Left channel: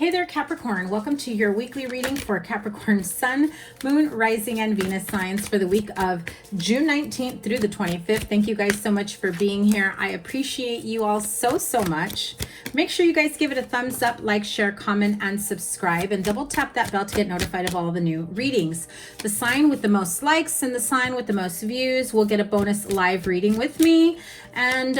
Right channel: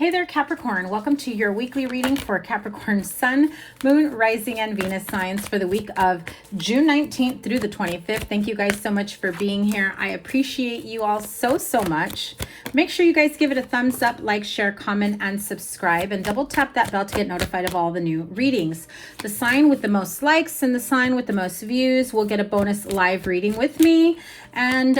Hey there, Capricorn. Welcome to your weekly reading for Capricorn Sun, Moon, Rising, and Venus signs for the week of June 19th through the 25th. Thank you guys so much for being here. I appreciate you all so much. Make sure you guys give it a thumbs up, like, share, comment, and subscribe, and double tap that bell to get notified of all the new readings. The sign with the most likes and the sign with the most views will get a bonus live reading with me. And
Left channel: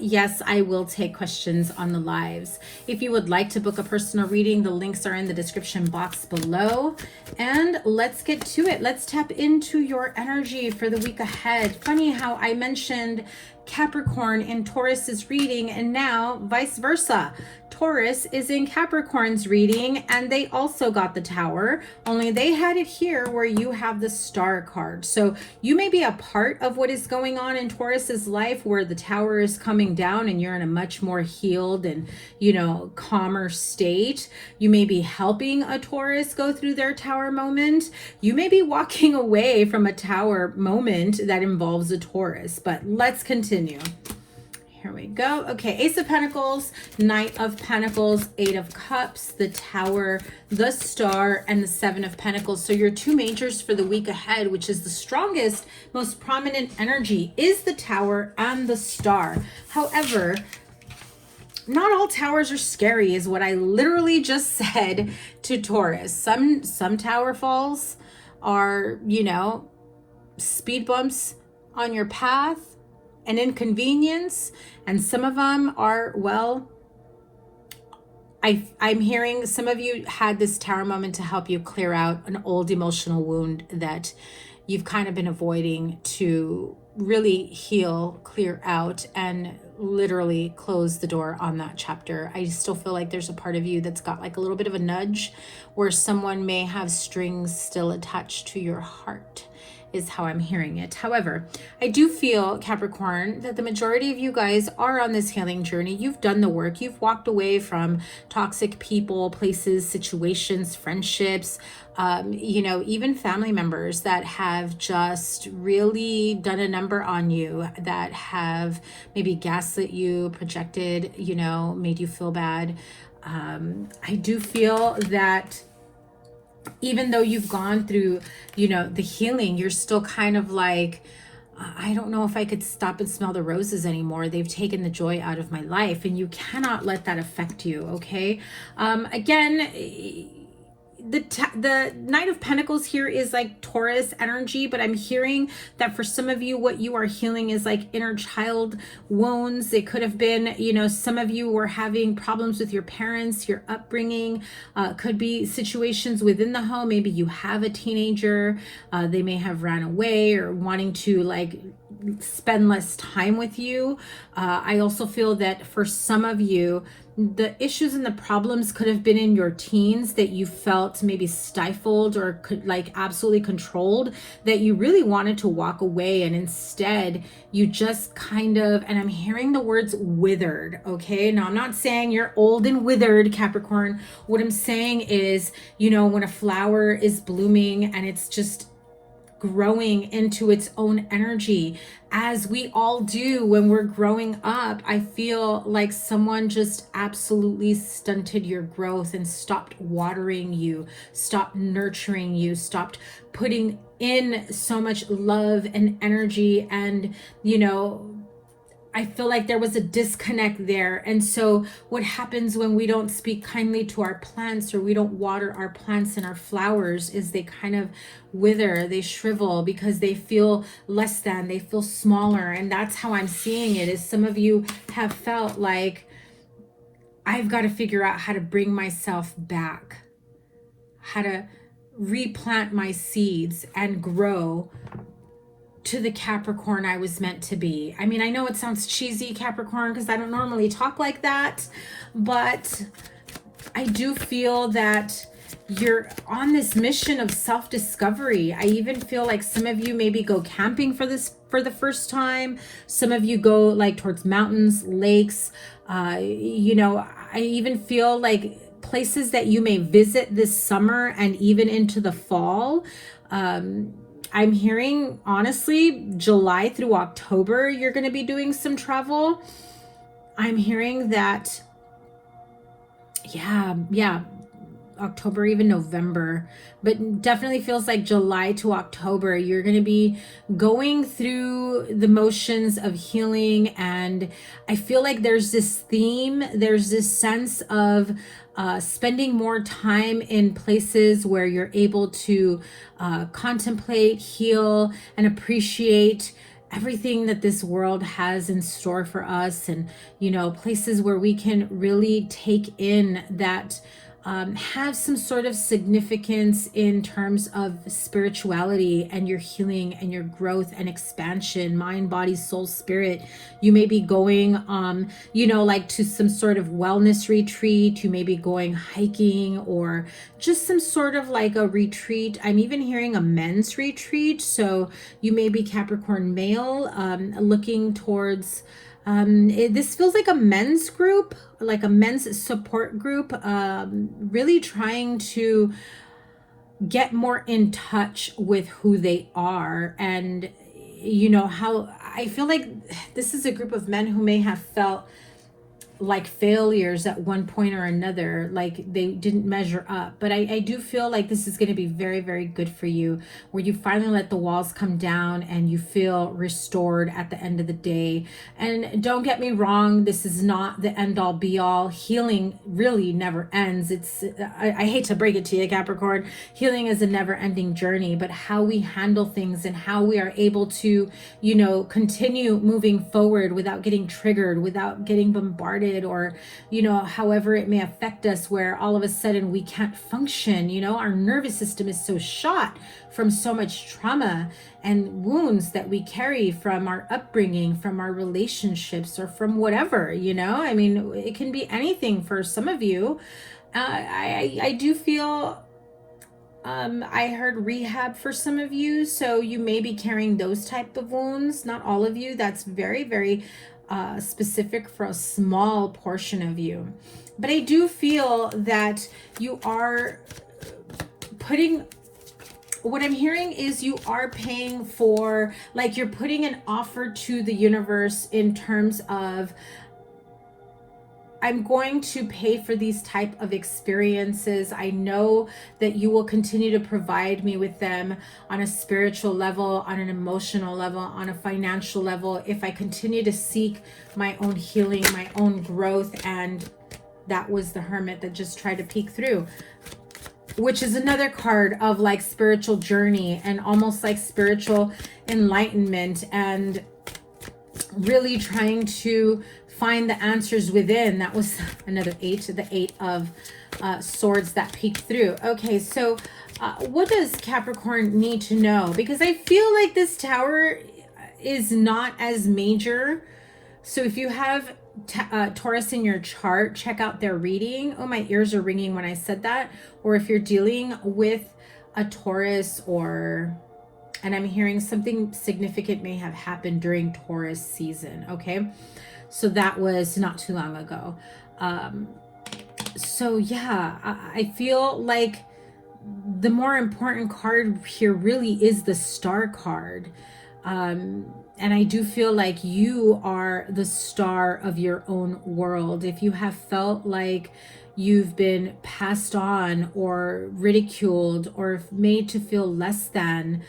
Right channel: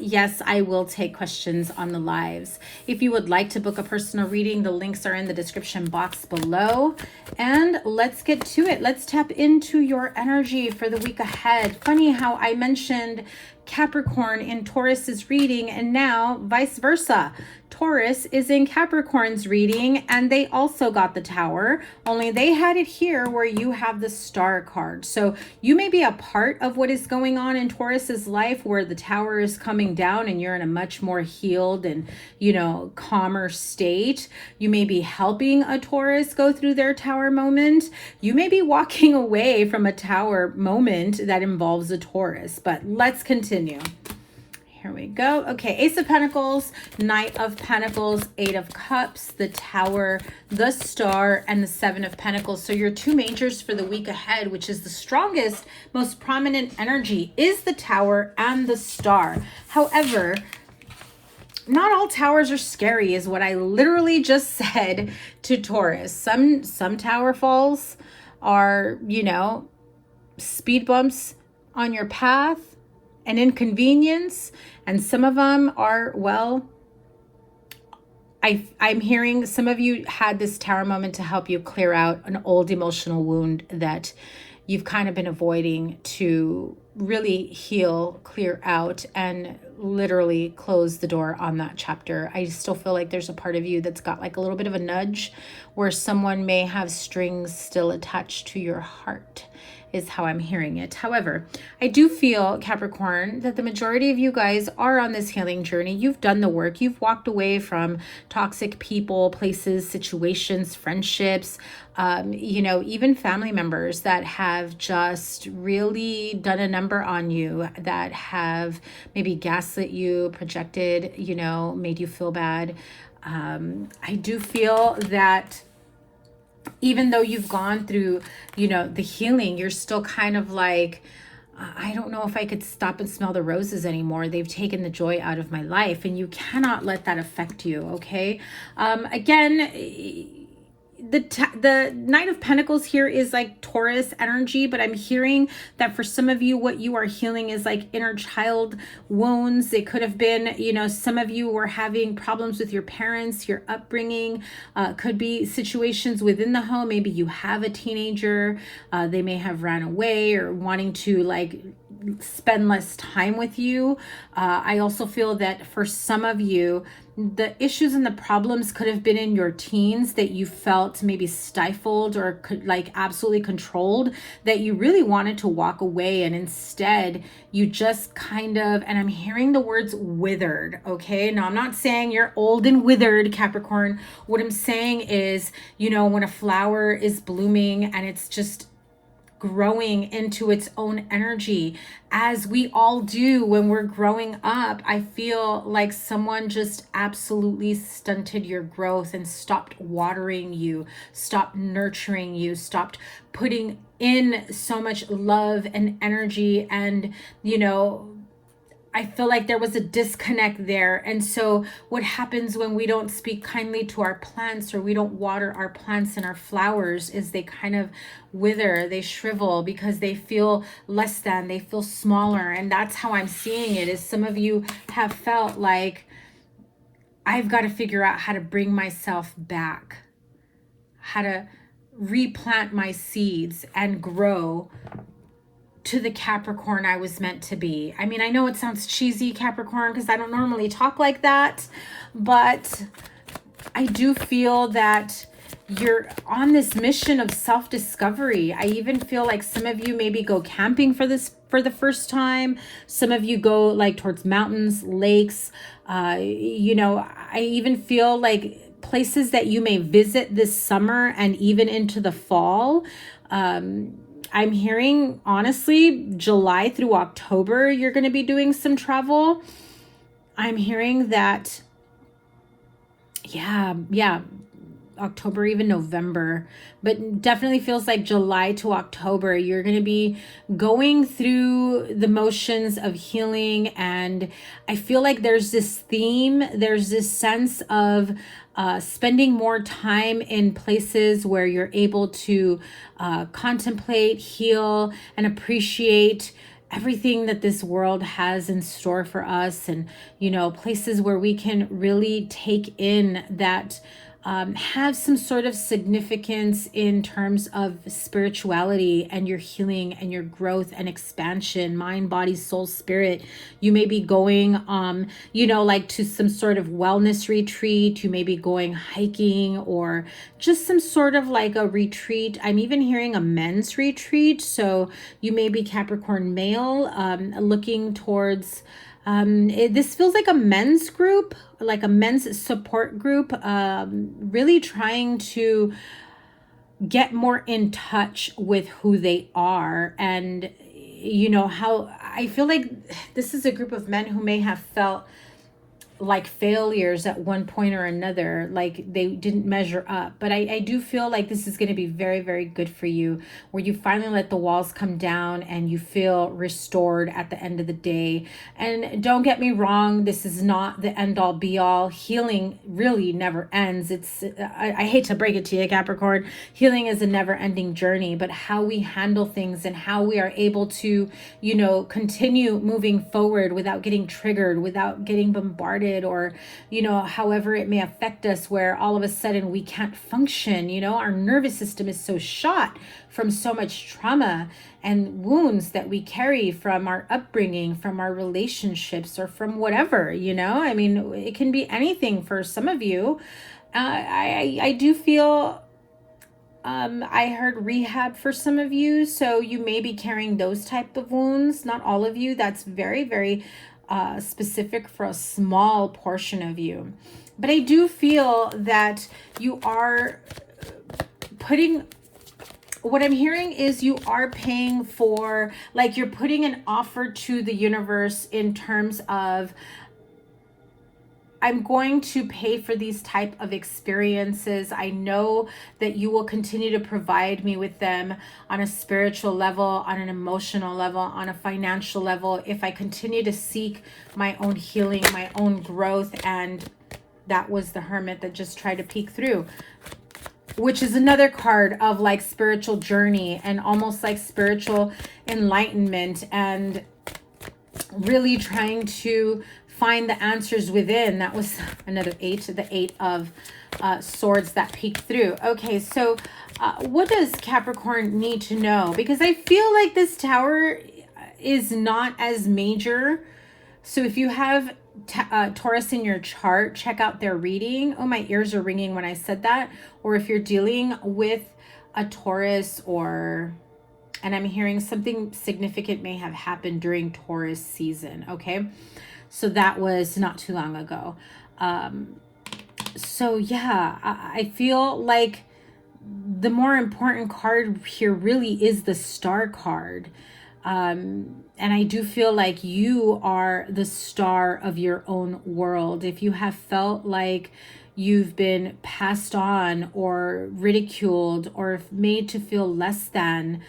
yes, I will take questions on the lives. If you would like to book a personal reading, the links are in the description box below. And let's get to it. Let's tap into your energy for the week ahead. Funny how I mentioned Capricorn in Taurus's reading, and now vice versa. Taurus is in Capricorn's reading, and they also got the Tower, only they had it here where you have the Star card. So you may be a part of what is going on in Taurus's life, where the Tower is coming down and you're in a much more healed and, calmer state. You may be helping a Taurus go through their Tower moment. You may be walking away from a Tower moment that involves a Taurus, but let's continue. Here we go. Okay, Ace of Pentacles, Knight of Pentacles, Eight of Cups, the Tower, the Star, and the Seven of Pentacles. So your two majors for the week ahead, which is the strongest, most prominent energy, is the Tower and the Star. However, not all towers are scary is what I literally just said to Taurus. Some tower falls are, speed bumps on your path, an inconvenience, and some of them are, well, I'm hearing some of you had this Tower moment to help you clear out an old emotional wound that you've kind of been avoiding to really heal, clear out, and literally close the door on that chapter. I still feel like there's a part of you that's got like a little bit of a nudge where someone may have strings still attached to your heart, is how I'm hearing it. However, I do feel, Capricorn, that the majority of you guys are on this healing journey. You've done the work. You've walked away from toxic people, places, situations, friendships, even family members that have just really done a number on you, that have maybe gaslit you, projected, made you feel bad. I do feel that even though you've gone through, the healing, you're still kind of like, I don't know if I could stop and smell the roses anymore. They've taken the joy out of my life, and you cannot let that affect you, okay? Again, the Knight of Pentacles here is like Taurus energy, but I'm hearing that for some of you, what you are healing is like inner child wounds. It could have been, some of you were having problems with your parents, your upbringing, could be situations within the home. Maybe you have a teenager, they may have ran away or wanting to like spend less time with you. I also feel that for some of you, the issues and the problems could have been in your teens, that you felt maybe stifled or like absolutely controlled, that you really wanted to walk away, and instead you just kind of, and I'm hearing the words withered, okay? Now, I'm not saying you're old and withered, Capricorn. What I'm saying is, when a flower is blooming and it's just growing into its own energy, as we all do when we're growing up, I feel like someone just absolutely stunted your growth and stopped watering you, stopped nurturing you, stopped putting in so much love and energy, and I feel like there was a disconnect there. And so what happens when we don't speak kindly to our plants, or we don't water our plants and our flowers, is they kind of wither, they shrivel, because they feel less than, they feel smaller. And that's how I'm seeing it, is some of you have felt like, I've got to figure out how to bring myself back, how to replant my seeds and grow to the Capricorn I was meant to be. I mean, I know it sounds cheesy, Capricorn, because I don't normally talk like that, but I do feel that you're on this mission of self-discovery. I even feel like some of you maybe go camping for the first time. Some of you go like towards mountains, lakes, I even feel like places that you may visit this summer and even into the fall. I'm hearing, honestly, July through October, you're going to be doing some travel. I'm hearing that, yeah, October, even November, but definitely feels like July to October. You're going to be going through the motions of healing. And I feel like there's this theme, there's this sense of spending more time in places where you're able to contemplate, heal, and appreciate everything that this world has in store for us, and places where we can really take in that have some sort of significance in terms of spirituality and your healing and your growth and expansion, mind, body, soul, spirit. You may be going, like to some sort of wellness retreat. You may be going hiking, or just some sort of like a retreat. I'm even hearing a men's retreat. So you may be Capricorn male, looking towards this feels like a men's group, like a men's support group, really trying to get more in touch with who they are. And how I feel like this is a group of men who may have felt like failures at one point or another, like they didn't measure up. But I do feel like this is going to be very, very good for you, where you finally let the walls come down and you feel restored at the end of the day. And don't get me wrong, this is not the end all be all. Healing really never ends. I hate to break it to you, Capricorn, healing is a never ending journey, but how we handle things and how we are able to, continue moving forward without getting triggered, without getting bombarded, or however it may affect us, where all of a sudden we can't function. Our nervous system is so shot from so much trauma and wounds that we carry from our upbringing, from our relationships, or from whatever. I mean, it can be anything for some of you. I do feel I heard rehab for some of you, so you may be carrying those type of wounds. Not all of you. That's very, very specific for a small portion of you. But I do feel that you are putting, what I'm hearing is you are paying for, like you're putting an offer to the universe in terms of, I'm going to pay for these type of experiences. I know that you will continue to provide me with them on a spiritual level, on an emotional level, on a financial level, if I continue to seek my own healing, my own growth. And that was the Hermit that just tried to peek through, which is another card of like spiritual journey and almost like spiritual enlightenment, and really trying to find the answers within. That was another 8, the 8 of swords that peeked through. Okay, so what does Capricorn need to know? Because I feel like this Tower is not as major. So if you have Taurus in your chart, check out their reading. Oh, my ears are ringing when I said that. Or if you're dealing with a Taurus, and I'm hearing something significant may have happened during Taurus season. Okay, so that was not too long ago. So yeah, I feel like the more important card here really is the Star card. And I do feel like you are the star of your own world. If you have felt like you've been passed on or ridiculed or made to feel less than,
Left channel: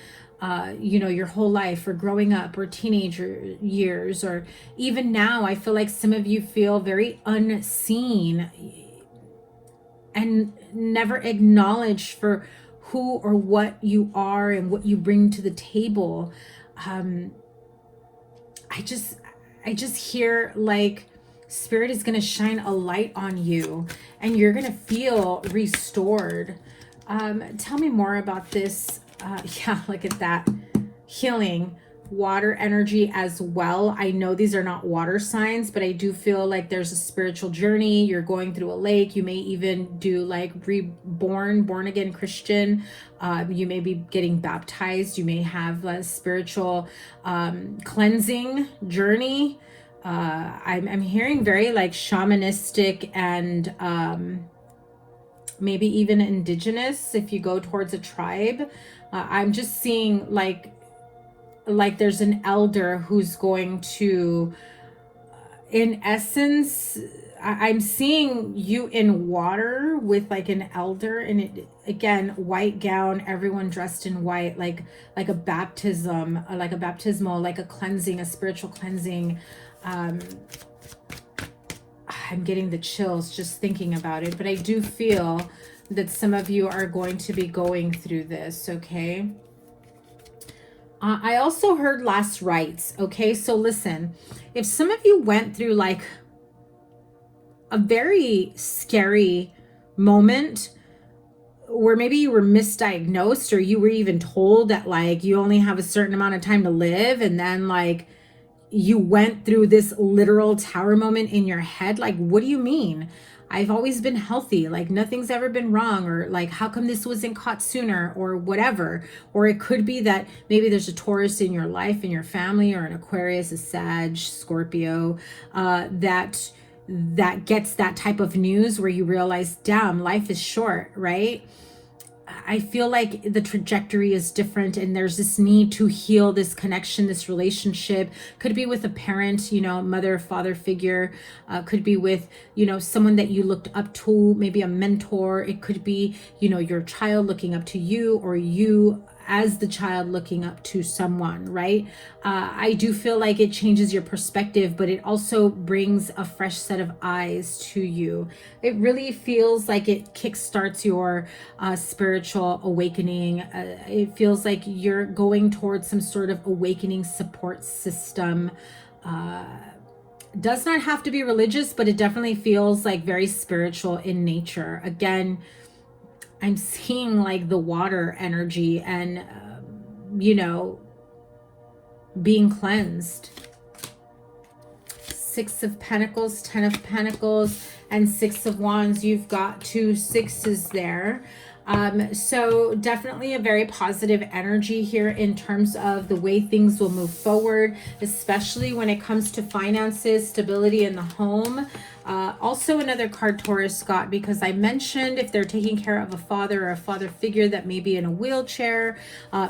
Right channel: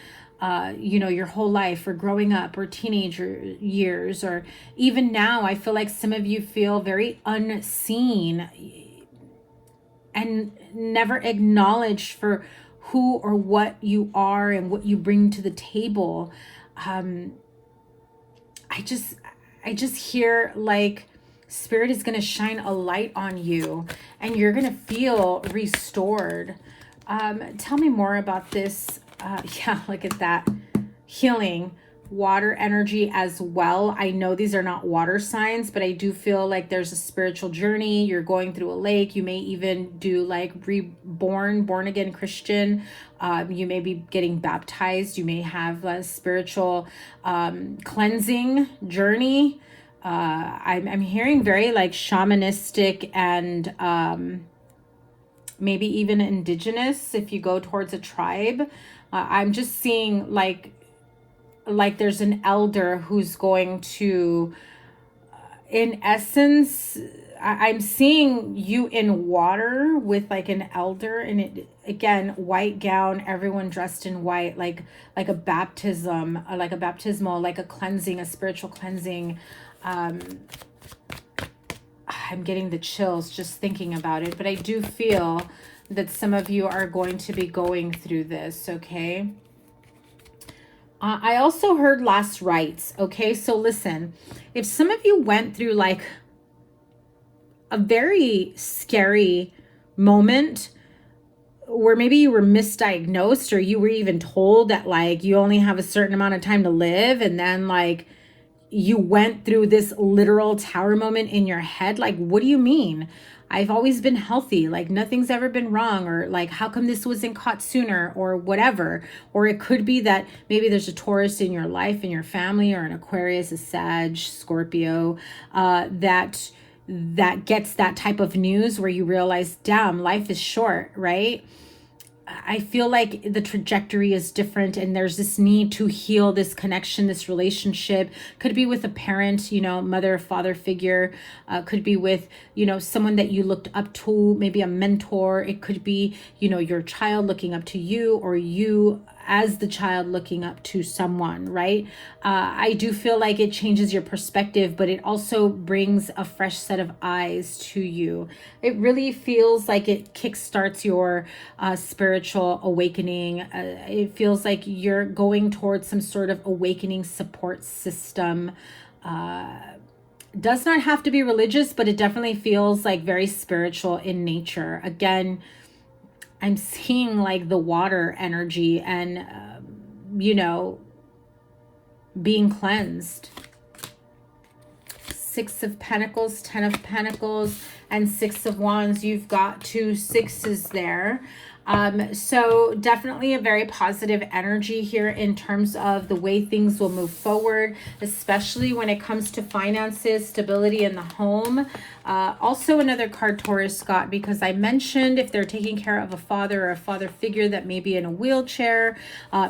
your whole life, or growing up, or teenager years, or even now, I feel like some of you feel very unseen and never acknowledged for who or what you are and what you bring to the table. I just hear like Spirit is going to shine a light on you and you're going to feel restored. Tell me more about this. Yeah, look at that. Healing, water energy as well. I know these are not water signs, but I do feel like there's a spiritual journey. You're going through a lake. You may even do like born again Christian. You may be getting baptized. You may have a spiritual cleansing journey. I'm hearing very like shamanistic and maybe even indigenous if you go towards a tribe. I'm just seeing like there's an elder who's going to in essence, I'm seeing you in water with like an elder, and it again, white gown, everyone dressed in white, like a baptism, like a baptismal, like a cleansing, a spiritual cleansing. I'm getting the chills just thinking about it, but I do feel that some of you are going to be going through this, okay? I also heard last rites, okay? So listen, if some of you went through like a very scary moment where maybe you were misdiagnosed, or you were even told that like you only have a certain amount of time to live, and then like you went through this literal tower moment in your head, like, what do you mean? I've always been healthy, like nothing's ever been wrong, or like how come this wasn't caught sooner, or whatever. Or it could be that maybe there's a Taurus in your life, in your family, or an Aquarius, a Sag, Scorpio, that gets that type of news where you realize, damn, life is short, right? I feel like the trajectory is different, and there's this need to heal this connection, this relationship. Could be with a parent, you know, mother or father figure. Could be with, you know, someone that you looked up to, maybe a mentor. It could be, you know, your child looking up to you, or you as the child looking up to someone, right? I do feel like it changes your perspective, but it also brings a fresh set of eyes to you. It really feels like it kickstarts your spiritual awakening. It feels like you're going towards some sort of awakening support system. Does not have to be religious, but it definitely feels like very spiritual in nature. Again, I'm seeing like the water energy and, you know, being cleansed. 6 of Pentacles, 10 of Pentacles, and 6 of Wands. You've got 2 sixes there. So definitely a very positive energy here in terms of the way things will move forward, especially when it comes to finances, stability in the home. Also another card Taurus got, because I mentioned if they're taking care of a father or a father figure that may be in a wheelchair,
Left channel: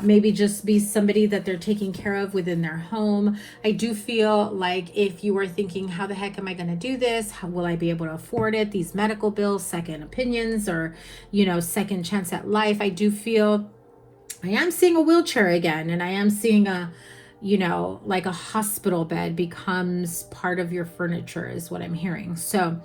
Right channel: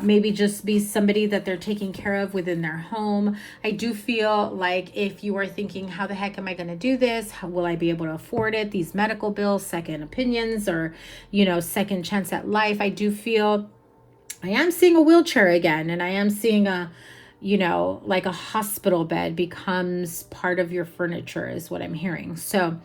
maybe just be somebody that they're taking care of within their home. I do feel like if you are thinking, how the heck am I going to do this? How will I be able to afford it? These medical bills, second opinions, or, you know, second chance at life. I do feel I am seeing a wheelchair again, and I am seeing a, you know, like a hospital bed becomes part of your furniture is what I'm hearing. So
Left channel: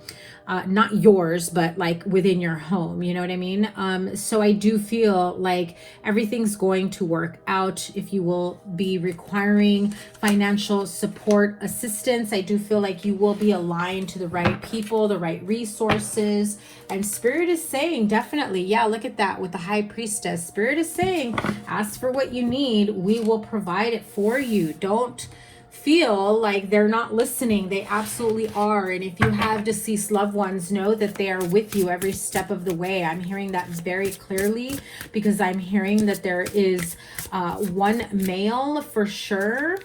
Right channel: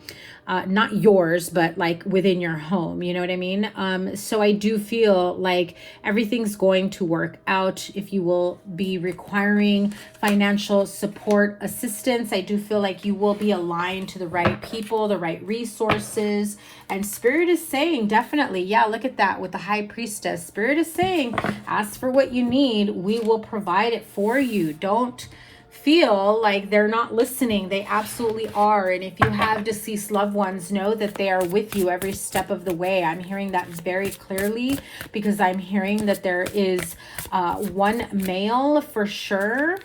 not yours, but like within your home, you know what I mean? So I do feel like everything's going to work out. If you will be requiring financial support, assistance, I do feel like you will be aligned to the right people, the right resources. And Spirit is saying, definitely, yeah, look at that with the High Priestess. Spirit is saying, ask for what you need. We will provide it for you. Don't feel like they're not listening. They absolutely are. And if you have deceased loved ones, know that they are with you every step of the way. I'm hearing that very clearly, because I'm hearing that there is one male for sure.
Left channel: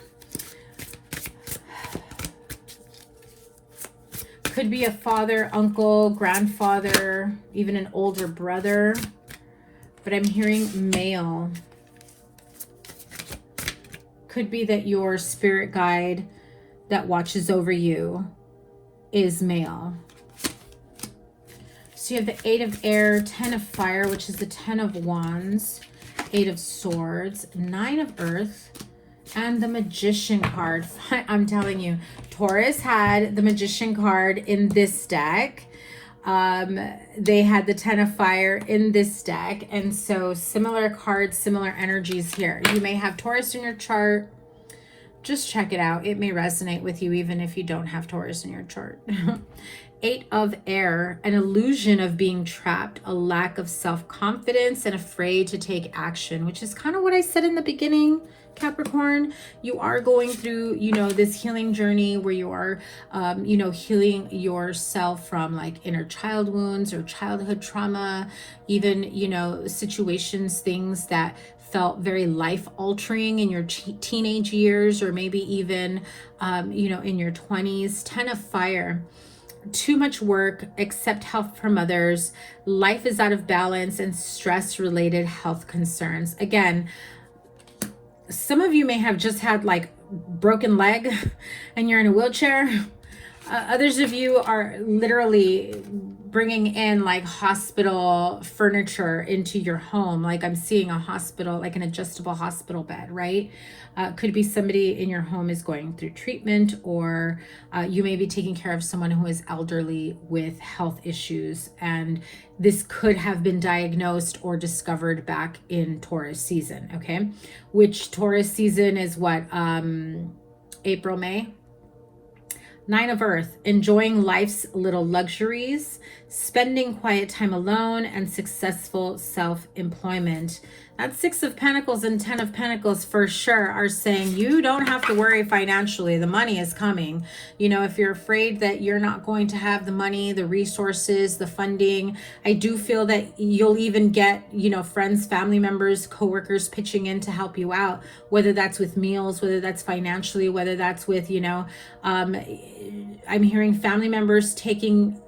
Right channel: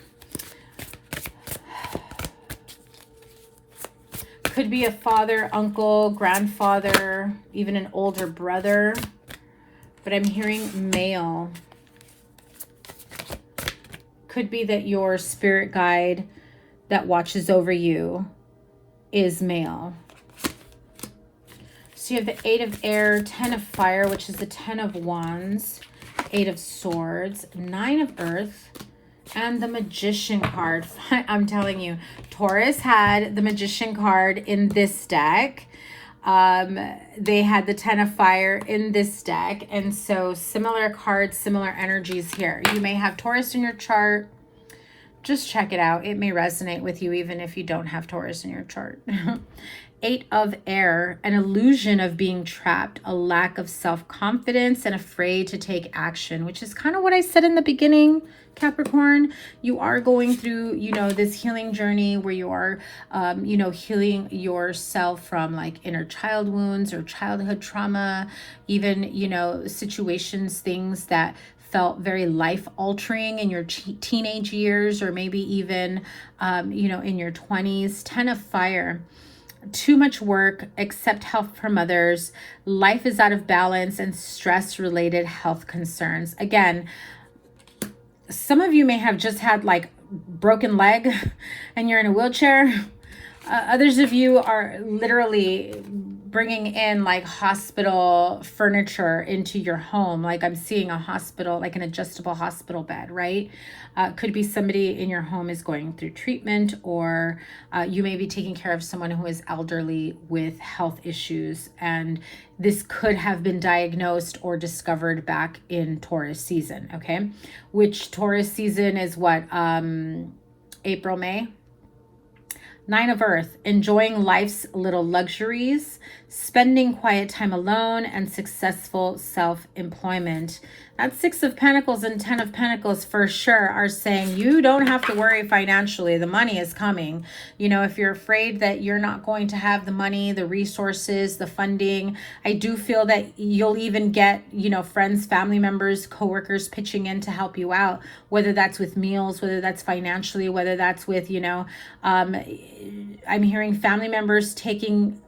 Could be a father, uncle, grandfather, even an older brother. But I'm hearing male. Could be that your spirit guide that watches over you is male. So you have the 8 of Air, 10 of Fire, which is the 10 of Wands, 8 of Swords, 9 of Earth, and the Magician card. I'm telling you, Taurus had the Magician card in this deck. They had the 10 of Fire in this deck, and so similar cards, similar energies here. You may have Taurus in your chart. Just check it out. It may resonate with you even if you don't have Taurus in your chart. 8 of Air, an illusion of being trapped, a lack of self-confidence, and afraid to take action, which is kind of what I said in the beginning, Capricorn. You are going through, you know, this healing journey where you are, you know, healing yourself from like inner child wounds or childhood trauma, even, you know, situations, things that felt very life-altering in your teenage years, or maybe even, you know, in your 20s. 10 of Fire. Too much work, accept help from others. Life is out of balance, and stress-related health concerns. Again, some of you may have just had like broken leg and you're in a wheelchair. Others of you are literally bringing in like hospital furniture into your home. Like I'm seeing a hospital, like an adjustable hospital bed, right? Could be somebody in your home is going through treatment, or you may be taking care of someone who is elderly with health issues. And this could have been diagnosed or discovered back in Taurus season, okay? Which Taurus season is what? April, May? Nine of Earth, enjoying life's little luxuries, spending quiet time alone, and successful self-employment. That Six of Pentacles and Ten of Pentacles for sure are saying you don't have to worry financially. The money is coming. You know, if you're afraid that you're not going to have the money, the resources, the funding, I do feel that you'll even get, you know, friends, family members, coworkers pitching in to help you out, whether that's with meals, whether that's financially, whether that's with, you know, I'm hearing family members taking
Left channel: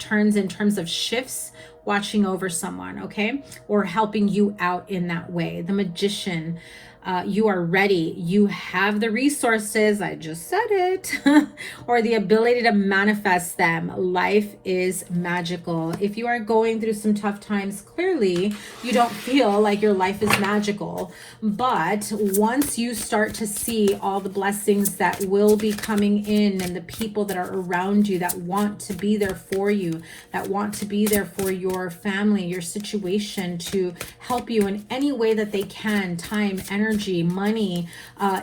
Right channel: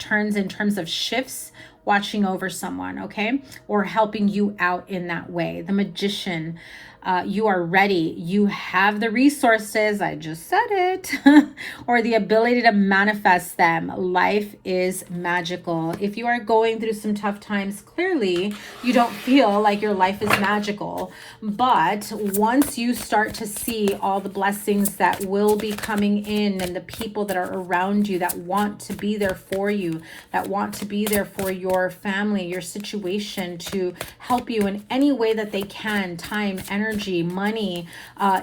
turns in terms of shifts, watching over someone, okay? Or helping you out in that way. The Magician, you are ready. You have the resources, I just said it, or the ability to manifest them. Life is magical. If you are going through some tough times, clearly you don't feel like your life is magical. But once you start to see all the blessings that will be coming in and the people that are around you that want to be there for you, that want to be there for your family, your situation, to help you in any way that they can, time, energy, money,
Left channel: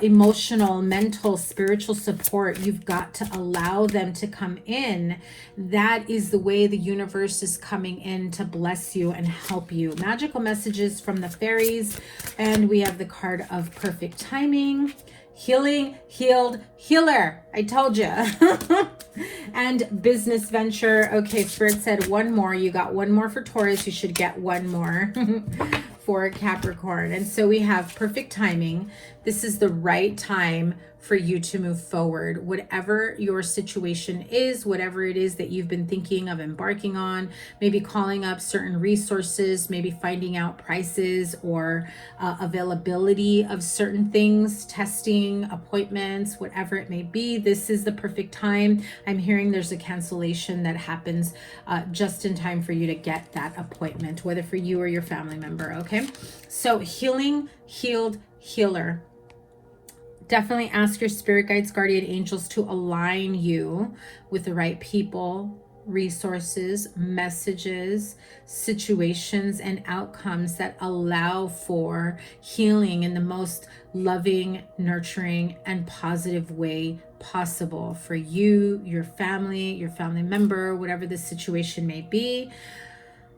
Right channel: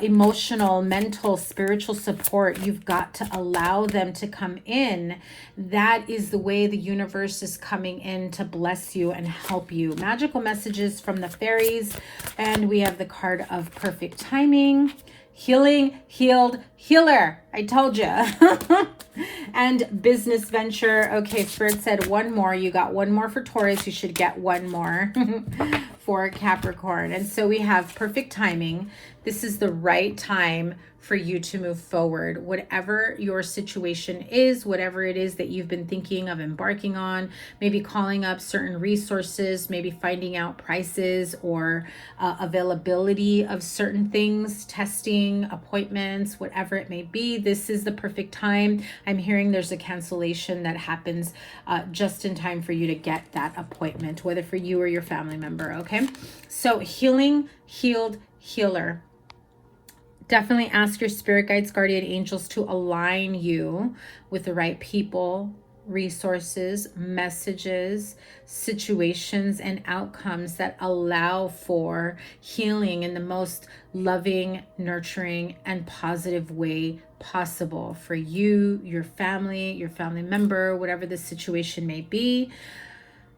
emotional, mental, spiritual support, you've got to allow them to come in. That is the way the universe is coming in to bless you and help you. Magical messages from the fairies, and we have the card of perfect timing. Healing, healed, healer. I told you. And business venture. Okay, Spirit said one more. You got one more for Taurus. You should get one more for Capricorn. And so we have perfect timing. This is the right time for you to move forward. Whatever your situation is, whatever it is that you've been thinking of embarking on, maybe calling up certain resources, maybe finding out prices or availability of certain things, testing, appointments, whatever it may be, this is the perfect time. I'm hearing there's a cancellation that happens just in time for you to get that appointment, whether for you or your family member, okay? So healing, healed, healer. Definitely ask your spirit guides, guardian angels to align you with the right people, resources, messages, situations, and outcomes that allow for healing in the most loving, nurturing, and positive way possible for you, your family member, whatever the situation may be.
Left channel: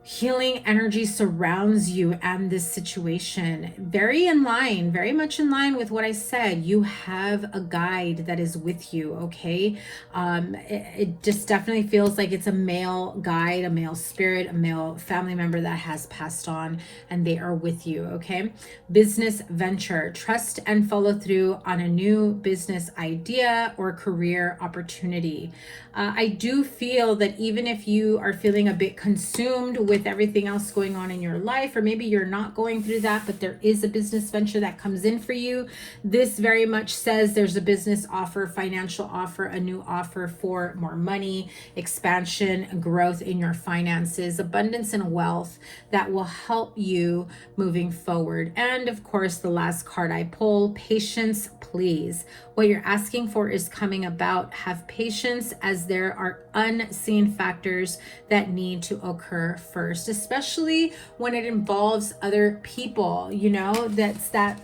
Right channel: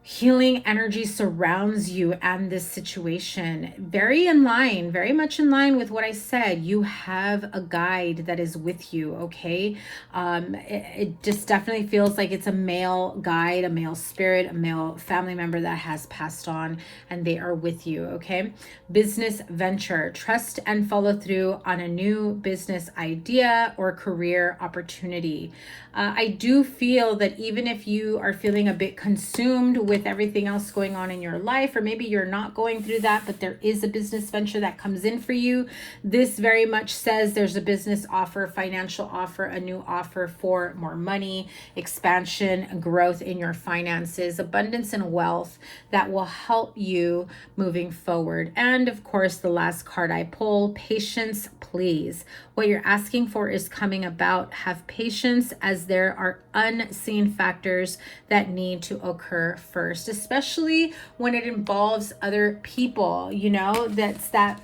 Healing energy surrounds you and this situation. Very in line, very much in line with what I said. You have a guide that is with you, okay? It just definitely feels like it's a male guide, a male spirit, a male family member that has passed on, and they are with you, okay? Business venture. Trust and follow through on a new business idea or career opportunity. I do feel that even if you are feeling a bit consumed with everything else going on in your life, or maybe you're not going through that, but there is a business venture that comes in for you, this very much says there's a business offer, financial offer, a new offer for more money, expansion, growth in your finances, abundance and wealth that will help you moving forward. And of course, the last card I pull, patience, please. What you're asking for is coming about. Have patience, as there are unseen factors that need to occur first, especially when it involves other people. You know, that's that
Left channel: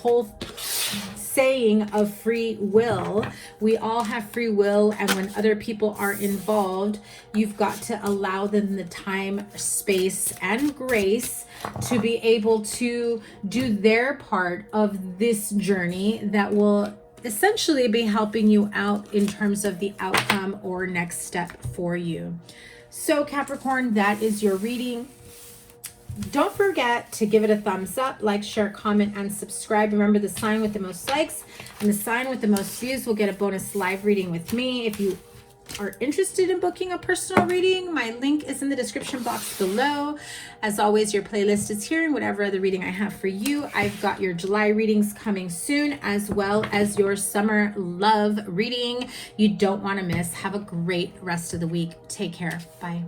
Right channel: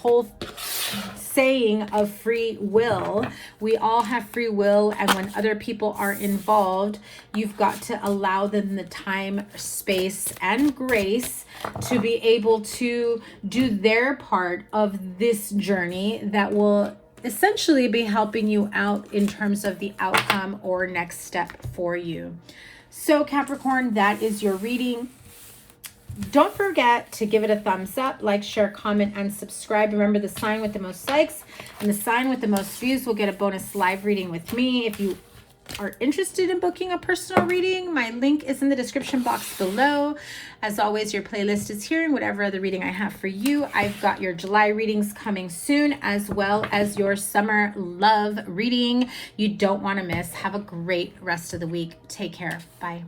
whole saying of free will. We all have free will, and when other people are involved, you've got to allow them the time, space, and grace to be able to do their part of this journey that will essentially be helping you out in terms of the outcome or next step for you. So Capricorn, that is your reading. Don't forget to give it a thumbs up, like, share, comment, and subscribe. Remember, the sign with the most likes and the sign with the most views will get a bonus live reading with me. If you are interested in booking a personal reading, my link is in the description box below. As always, your playlist is here and whatever other reading I have for you. I've got your July readings coming soon, as well as your summer love reading you don't want to miss. Have a great rest of the week. Take care. Bye.